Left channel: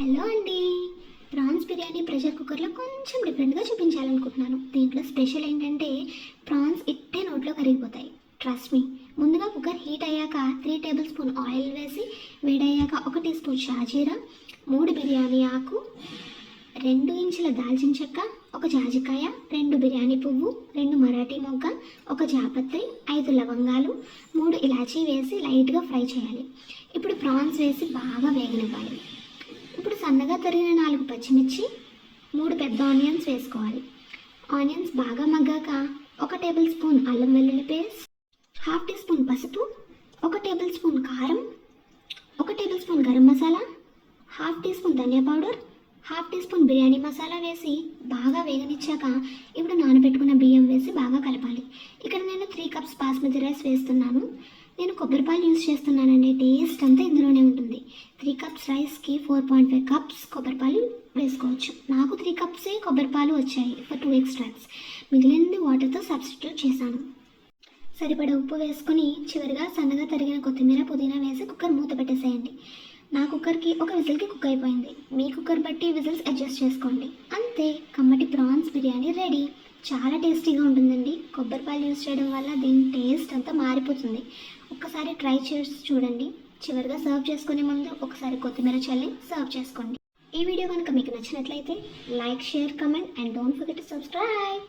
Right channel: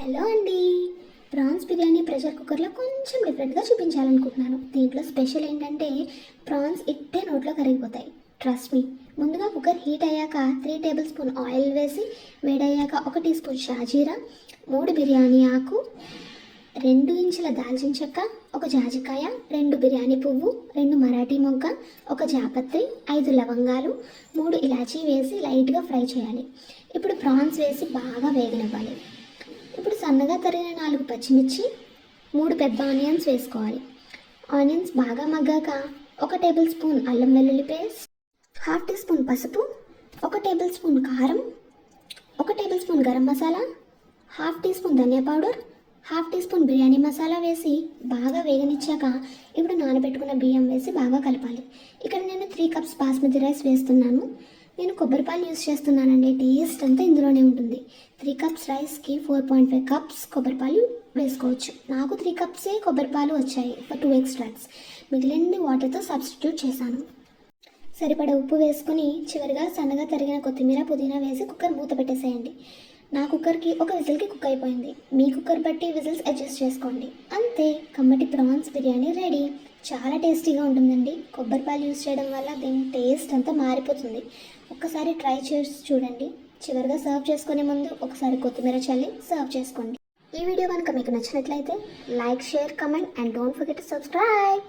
Hello అండి. Prawns biryani pressure కుక్కర్లో కొంచెం డిఫరెంట్గా చూపించాలనుకుంటున్నాను. దీంట్లో స్పెషల్ ఏంటంటే ప్రాన్స్ ఇట్టే నోట్లో కరిగిపోతాయి. ట్రస్ట్ మీ ముందుగా కుక్కర్ హీట్ అయ్యాక త్రీ టేబుల్ స్పూన్ ఆయిల్ వేసి వేడయ్యాక ఒక టీ స్పూన్ షాజీరా మూడు బిర్యానీ ఆకు రెండు ఇంచుల దాల్చిన చెక్క ఒక జాజికాయ రెండు బిర్యానీ పువ్వు రెండు మరాఠీ మొగ్గ ఒక జాపత్రి ఐదు లవంగాలు మూడు ఇలాచీ వేసి లైట్గా ఫ్రై చేయాలి. ఇప్పుడు ప్రాన్స్ వేసి బాగా వేగనివ్వాలి. తరిగిన నాలుగు పచ్చిమిర్చి మూడు పెద్ద ఆనియన్స్ వేసుకోవాలి. ఆనియన్స్ బాగా మగ్గాక ఒక టేబుల్ స్పూన్ అల్లం వెల్లుల్లి పేస్ట్ హాఫ్ టీ స్పూన్ పసుపు ఒక టేబుల్ స్పూన్ కారం ఒక tablespoon garam masala half teaspoon ధనియా powder half teaspoon biryani masala వేసి బాగా వేగనిచ్చాక ఇప్పుడు నానబెట్టుకున్న బియ్యం వేసి బాగా కలపాలి. ఇక్కడ నేను త్రీ కప్స్ బాస్మతి రైస్ వేస్తున్నాను. నేను కొబ్బరి పాలు యూస్ చేస్తున్నానండి. టేస్ట్ అంతా ఇందులోనే ఉంటుంది. త్రీ కప్స్ రైస్కి ఫోర్ పాయింట్ ఫైవ్ కప్స్ కొబ్బరి పాలు వేసుకోవచ్చు. నాకు త్రీ కప్సే కొబ్బరి పాలు వచ్చాయి ఫర్ టూ ఎక్స్ట్రాస్ మిగిలిన వాటర్తో సబ్స్టిట్యూట్ చేశాను. సరిపడా ఉప్పు వేసుకొని చివరిగా సన్నగా తరిగిన కొత్తిమీర పుదీనా వేసి కుక్కర్ మూత పెట్టేసేయండి. నా కుక్కర్కి ఒక విజిల్కి కుక్ అయిపోయింది. మీ కుక్కర్ బట్టి విజిల్స్ అడ్జస్ట్ చేసుకోండి. అంతే. కమ్మటి ప్రాన్స్ బిర్యానీ రెడీ. చాలా టేస్టీగా ఉంటుందండి. కొబ్బరి పాలు యూస్ చేయడం వల్ల దీని టేస్ట్ అంతా మారిపోతుంది. ఒక్కసారి ట్రై చేసి చూడండి. చివరిగా సర్వ్ చేసుకునే ముందు ఒకసారి కొత్తిమీర చల్లి సర్వ్ చేసుకోండి. ఈ వీడియో కనుక మీకు నచ్చినట్లయితే like share comment and don't forget subscribe.